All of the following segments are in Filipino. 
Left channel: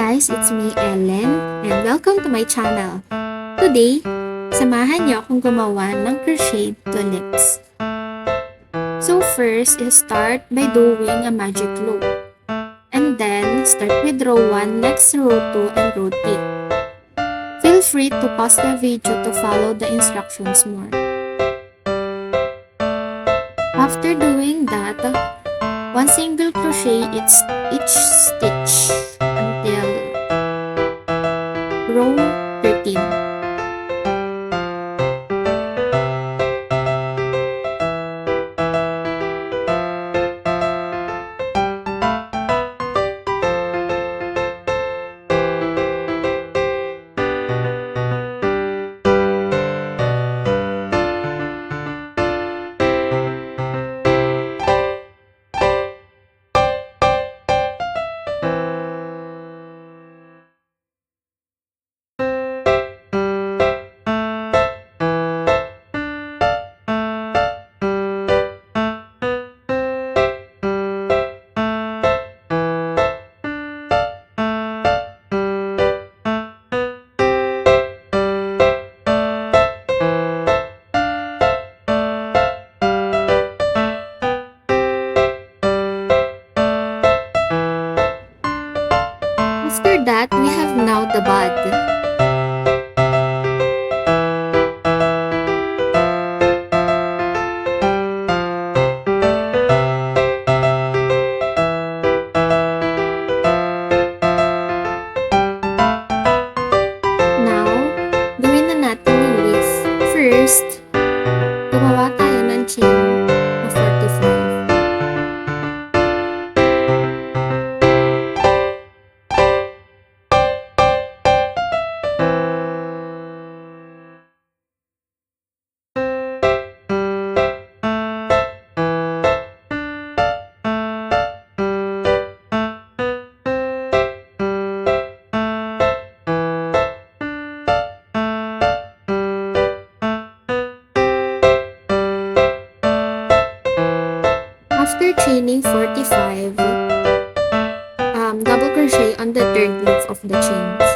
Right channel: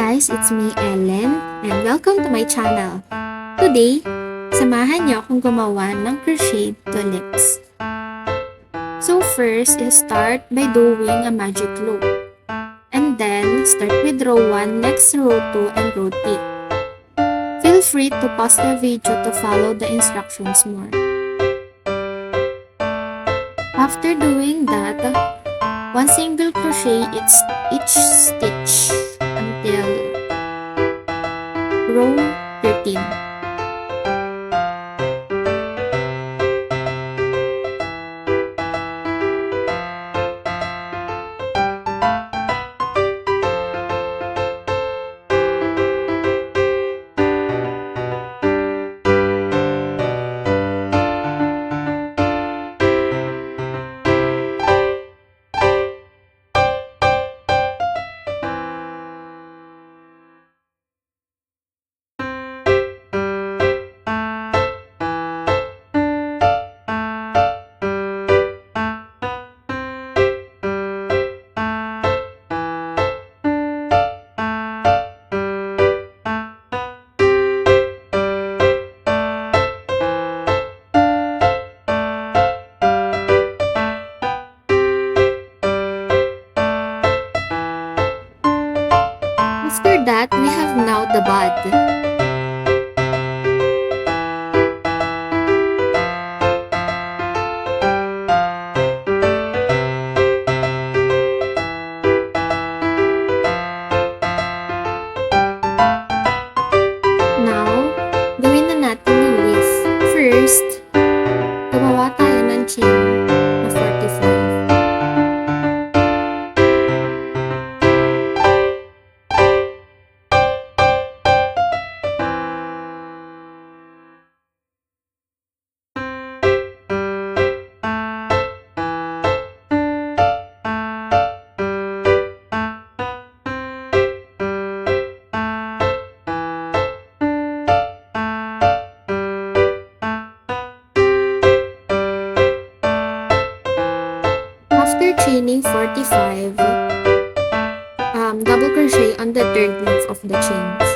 guys, it's me Ellen and welcome to my channel. Today, samahan niyo akong gumawa ng crochet tulips. So first, start by doing a magic loop. And then, start with row 1, next row 2, and row 3. Feel free to pause the video to follow the instructions more. After doing that, one single crochet each stitch until row 13. After that, we have now the bud. Now, gawin na natin yung leaf. First, gumawa tayo ng chain na 45. After chaining 45, double crochet on the third loop of the chains.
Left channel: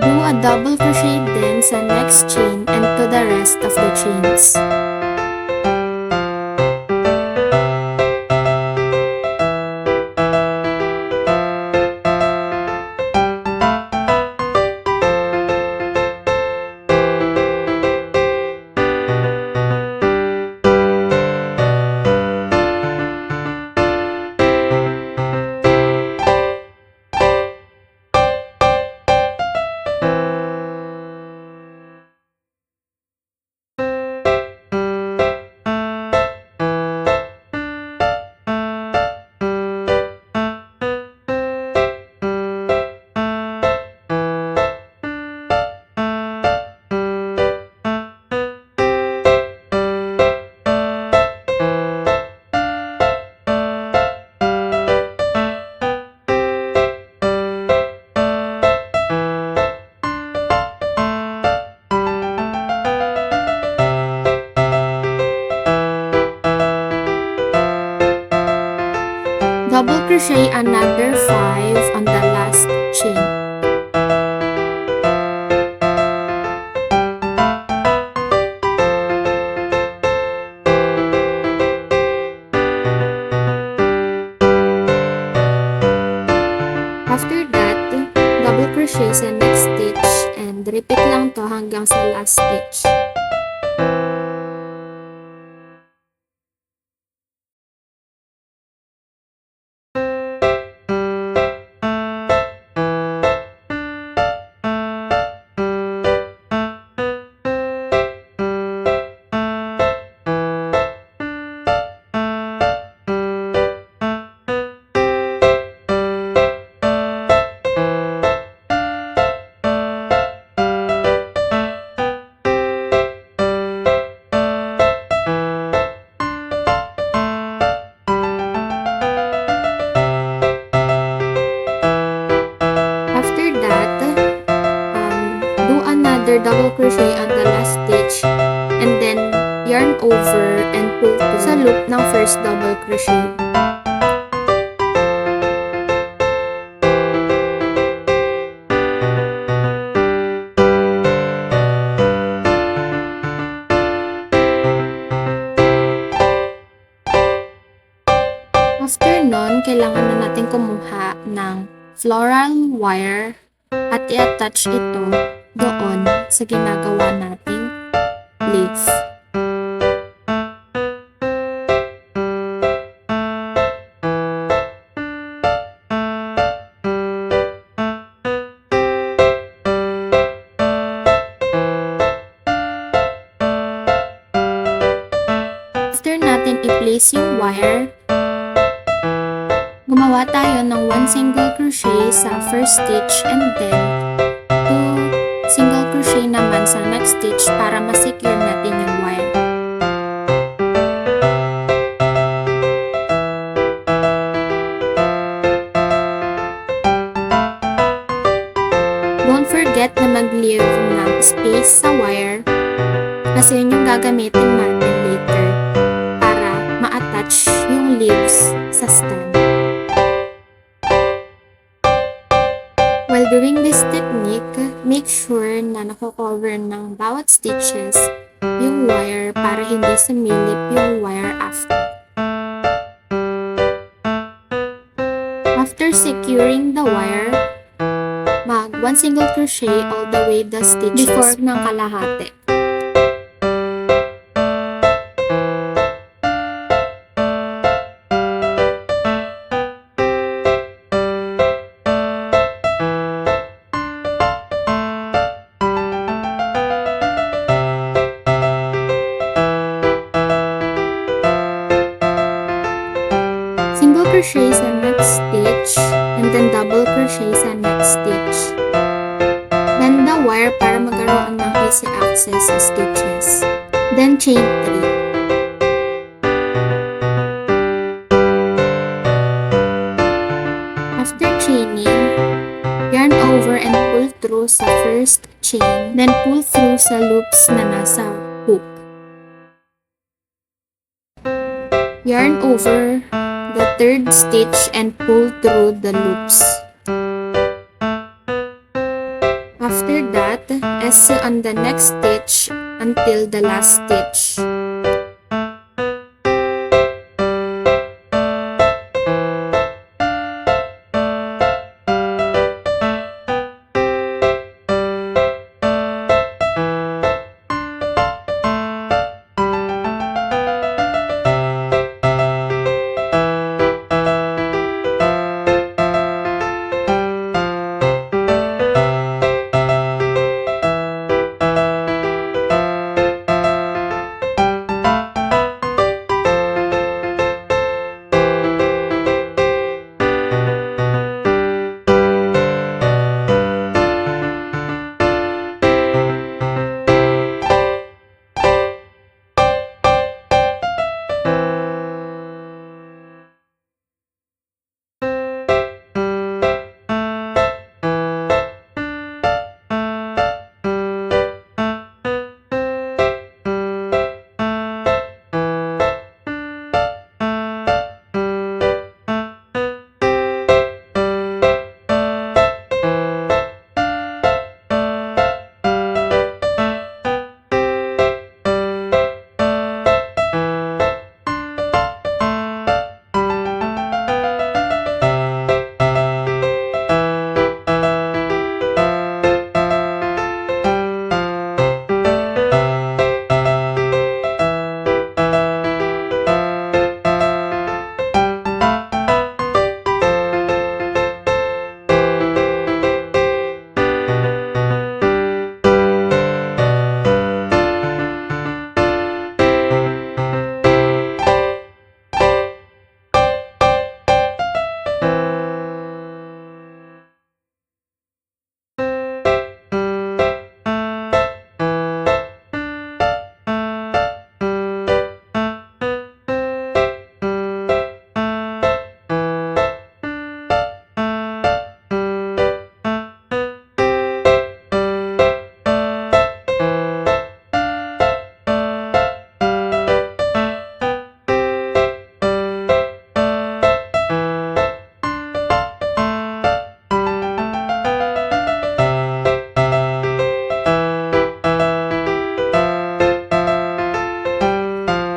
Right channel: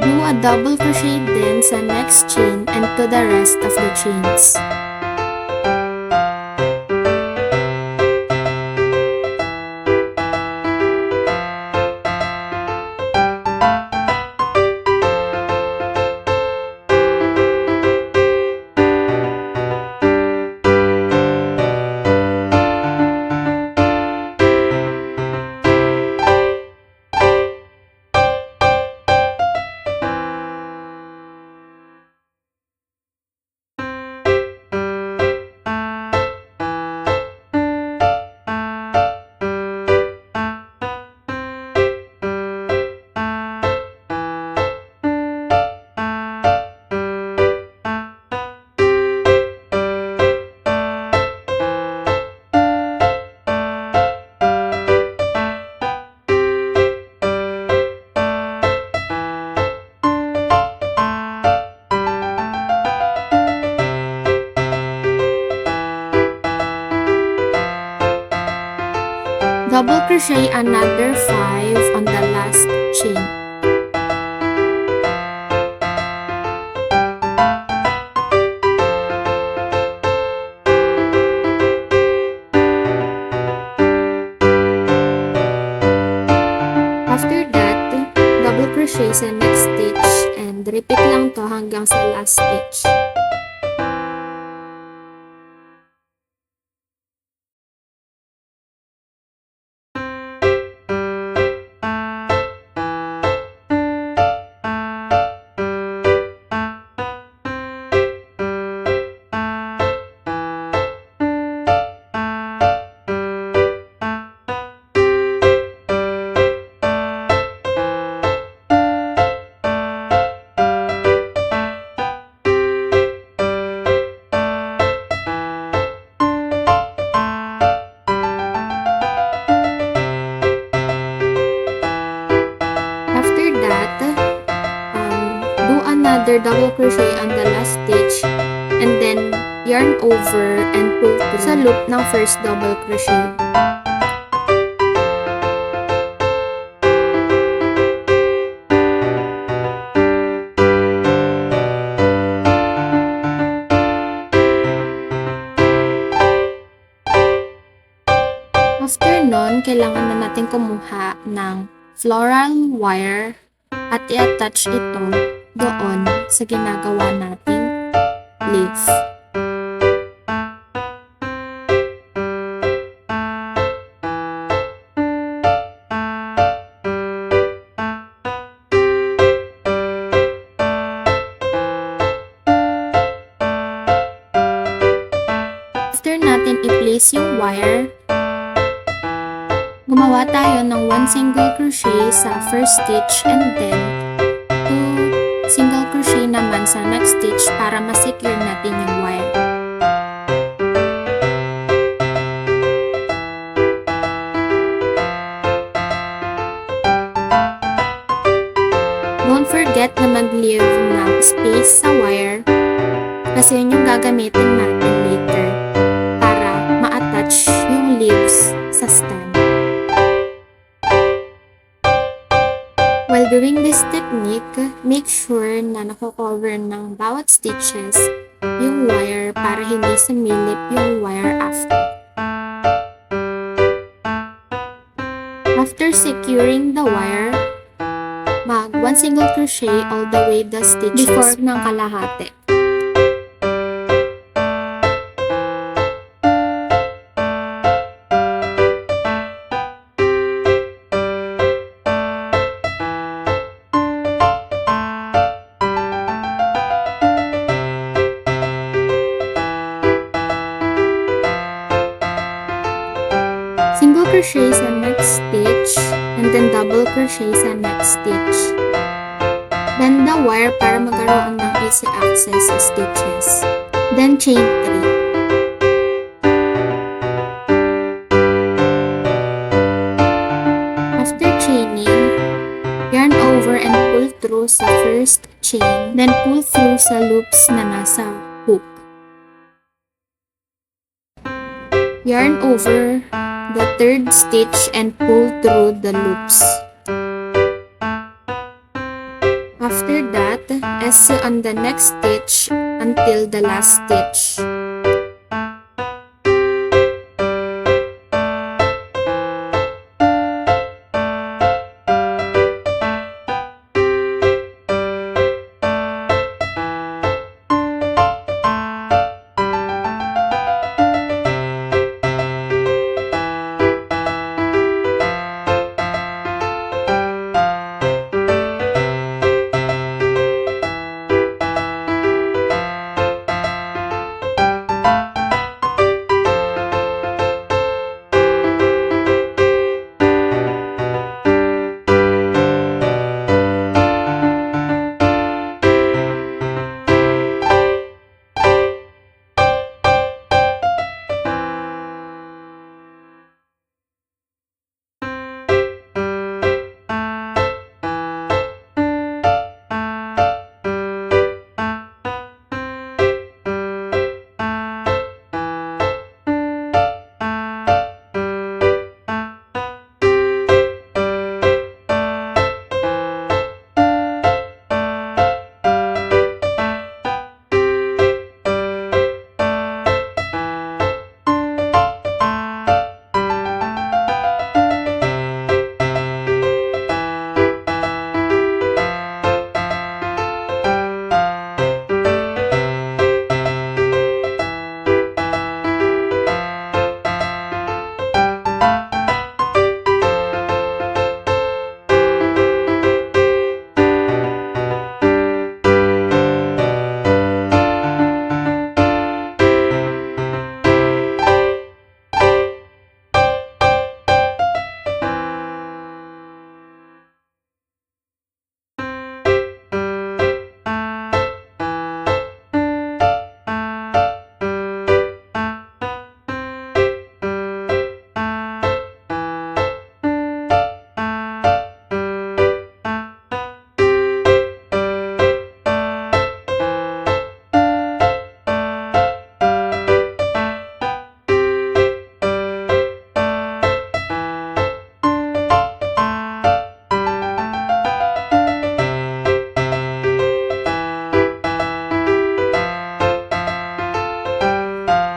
Do a double crochet then sa next chain and to the rest of the chains. Double crochet another 5 on the last chain. After that, double crochet sa next stitch and repeat lang to hanggang sa last stitch. After that, do another double crochet on the last stitch and then yarn over and pull to sa loop ng first double crochet. After nun, kailangan na natin kumuha ng floral wire at i-attach ito doon sa ginagawa nating leaf. After natin i-place yung wire, gumawa tayo ng 1 single crochet sa first stitch and then 2 single crochet naman sa next stitch para ma-secure natin yung wire. Don't forget na mag-leave ng space sa wire kasi yun yung gagamitin natin later para ma-attach yung leaves sa stem. While doing this technique, make sure na nako-cover ng bawat stitches yung wire para hindi sumilip yung wire after. After securing the wire, mag 1 single crochet all the way the stitches before ng kalahati. Single crochet sa next stitch and then double crochet sa next stitch. Bend the wire para magkaroon ng easy access sa stitches. Then chain 3. After chaining, yarn over and pull through sa first chain, then pull through sa loops na nasa hook. Yarn over the third stitch and pull through the loops. After that, sew on the next stitch until the last stitch.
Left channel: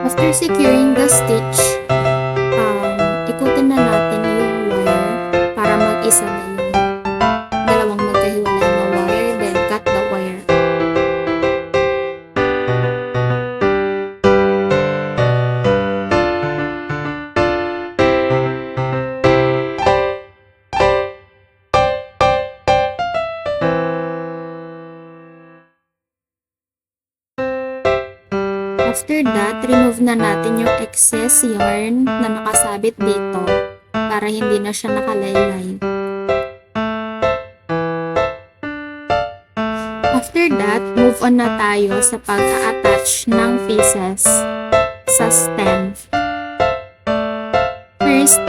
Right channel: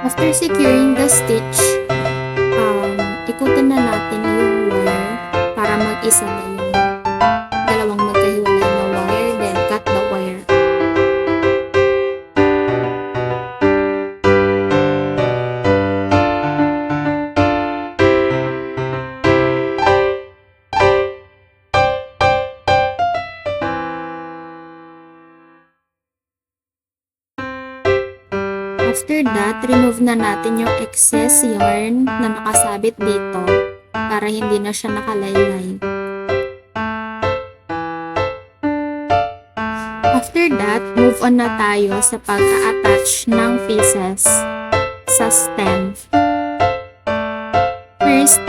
After securing the stitch, ikutin na natin yung wire para mag-isa na yung dalawang magkahiwalay na wire, then cut the wire. After that, remove na natin yung excess yarn na nakasabit dito para hindi na siya nakalaylay. After that, move on na tayo sa pagka-attach ng pieces sa stem. First,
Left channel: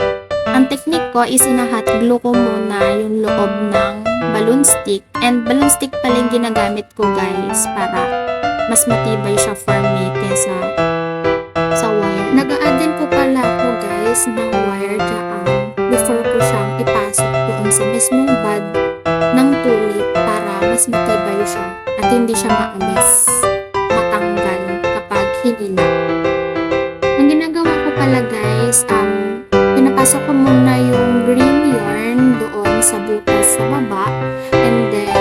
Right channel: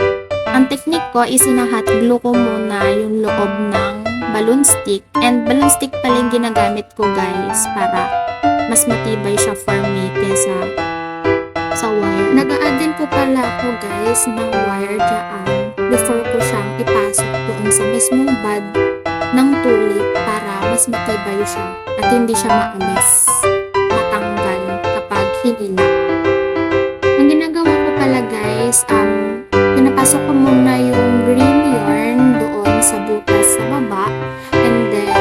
ang technique ko is hot glue ko muna yung loob ng balloon stick. And balloon stick pala yung ginagamit ko guys para mas matibay siya for me kesa sa wire. Nag-a-add din po pala ako guys ng wire dyan before ko siyang ipasok doon sa mismong bud ng tulip para mas matibay siya at hindi siya maalis, matanggal kapag hinila. Ang ginagawa ko pala guys, pinapasok ko muna yung green yarn doon sa butas sa baba and then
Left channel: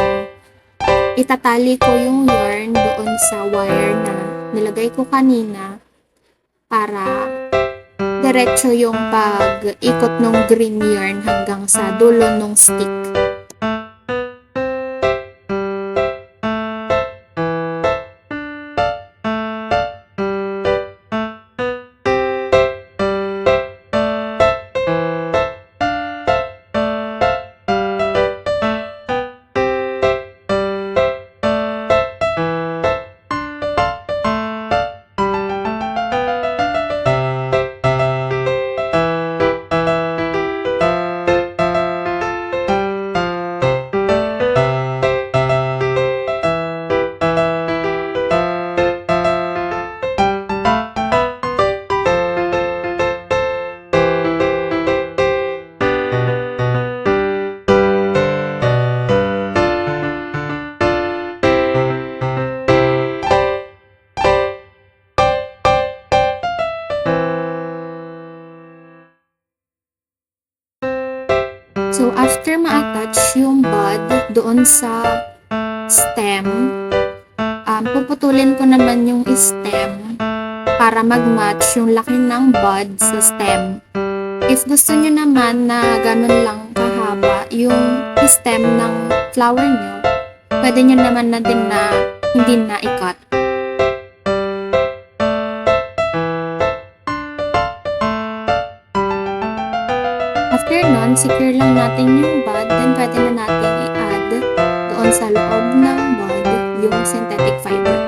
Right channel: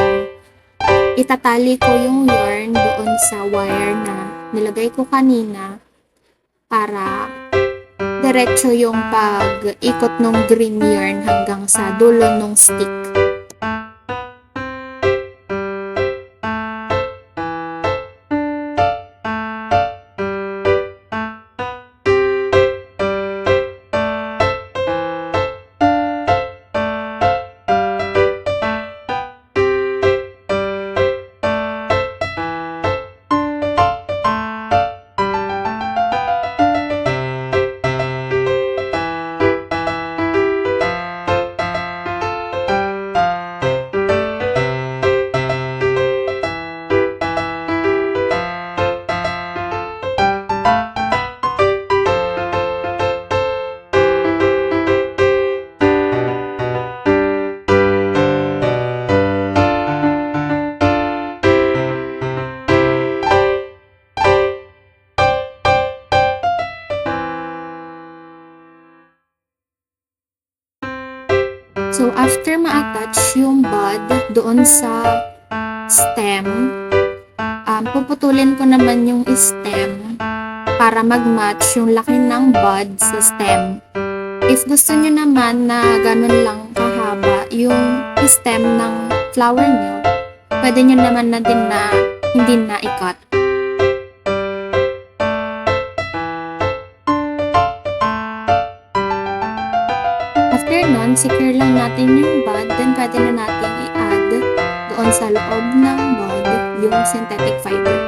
itatali ko yung yarn doon sa wire na nilagay ko kanina para diretso yung pag-ikot ng green yarn hanggang sa dulo ng stick. So, after ma-attach yung bud doon sa stem, puputulin ko naman yung stem para mag-match yung laki ng bud sa stem. If gusto nyo naman na ganun lang kahaba yung stem ng flower nyo, pwede nyo naman na din na hindi na i-cut. After nun, secure lang natin yung bud, then pwede na natin i-add doon sa loob ng bud yung synthetic fiber.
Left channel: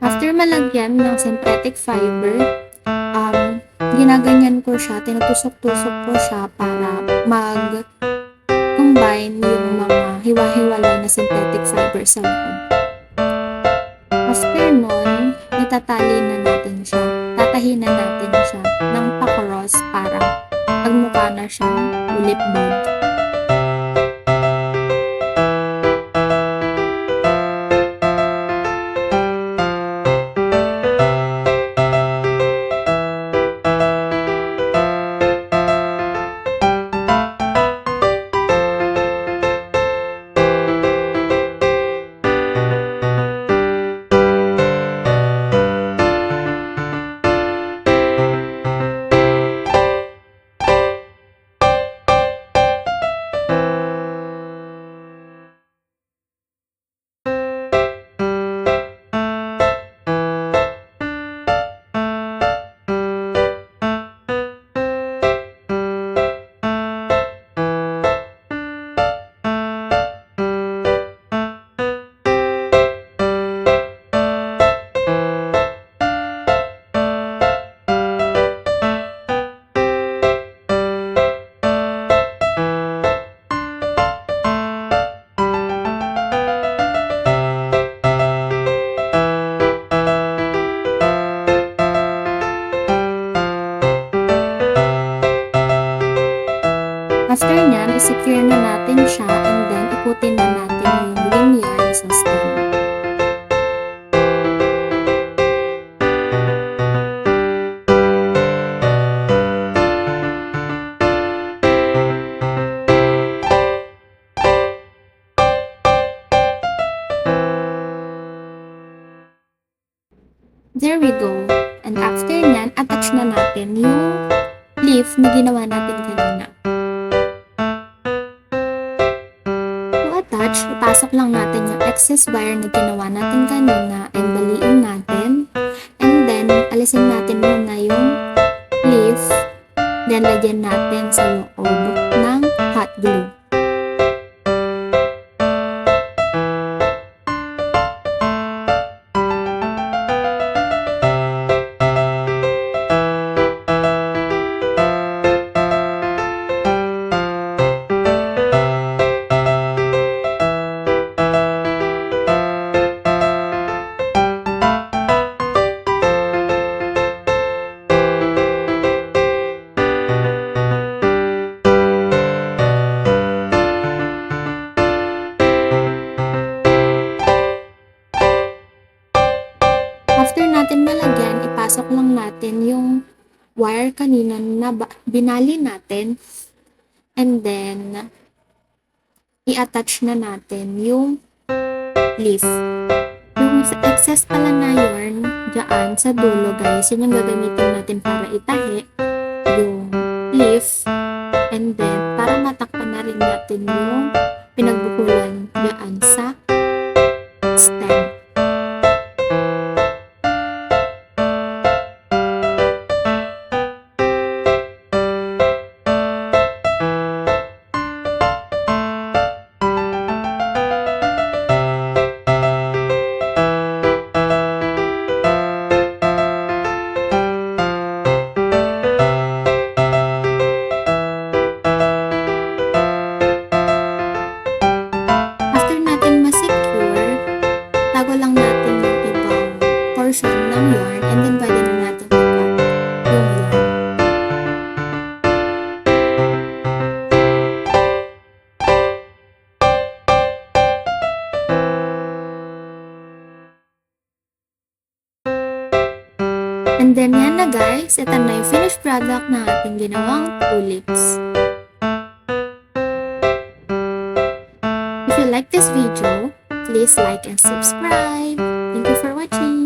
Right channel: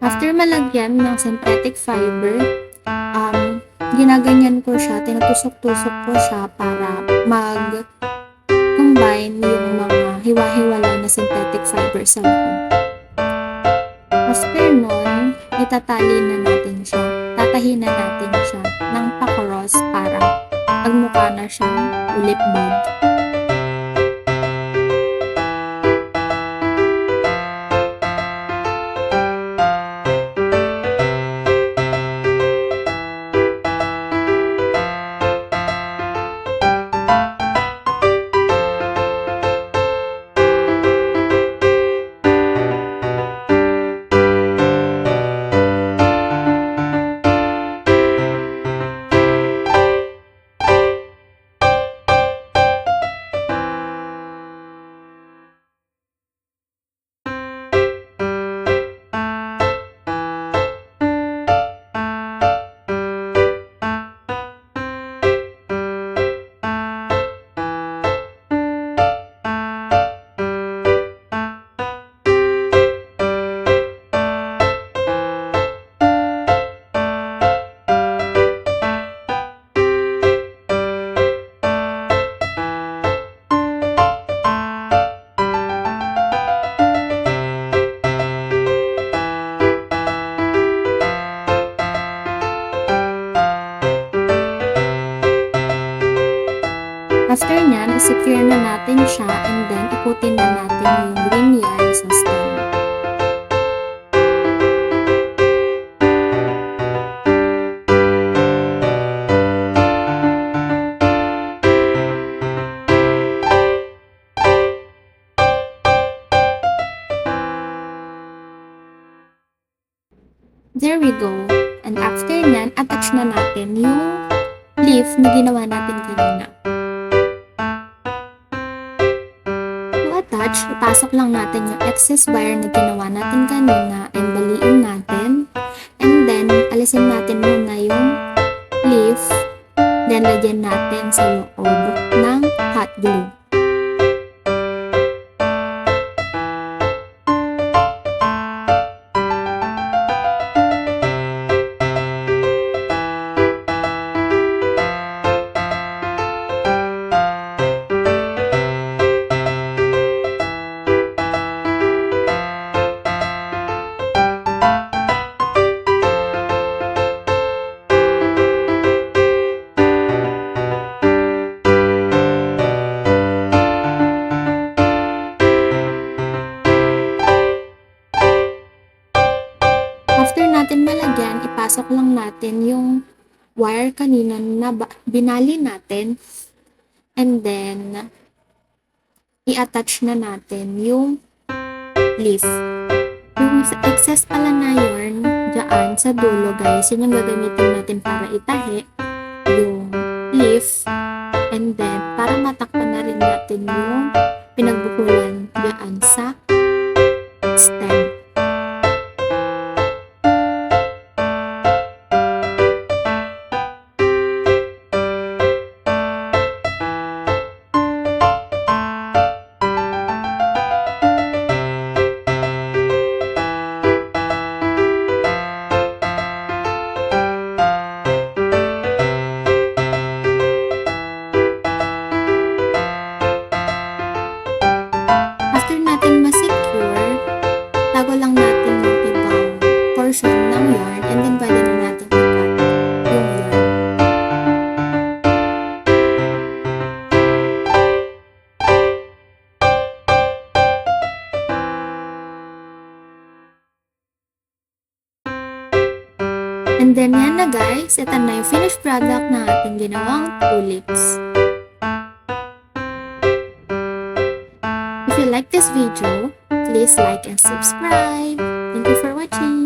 After malagyan ng synthetic fiber, ginaganyan ko siya, tinutusok-tusok ko siya para mag-combine yung mga hiwa-hiwalay na synthetic fiber sa loob. After nun, itatali na natin siya, tatahin na natin siya ng pa-cross para magmukha na siyang tulip bud. After nyan, i-secure na natin siya and then ikutin na natin yung green yarn sa stem. There we go. And after nyan, attach na natin yung leaf na ginawa natin kanina. To attach, ipasok lang natin yung excess wire na ginawa natin kanina and baliin natin. And then, alisin natin muna yung leaf. Then, lagyan natin sa loob ng hot glue. After natin malagyan, ipasok lang natin yung wire kanina na binali natin. And then, i-attach na natin yung leaf. Yung excess pala na yarn dyan sa dulo guys, yun yung gagamitin natin para itahi yung leaf. And then, para matakpan na rin natin yung pinagbukulan dyan sa stem. Tago lang natin yung ibang portion ng yarn and then pwede na natin i-cut yung yarn. And then yan na guys, ito na yung finished product na ating ginawang tulips. If you like this video, please like and subscribe. Thank you for watching.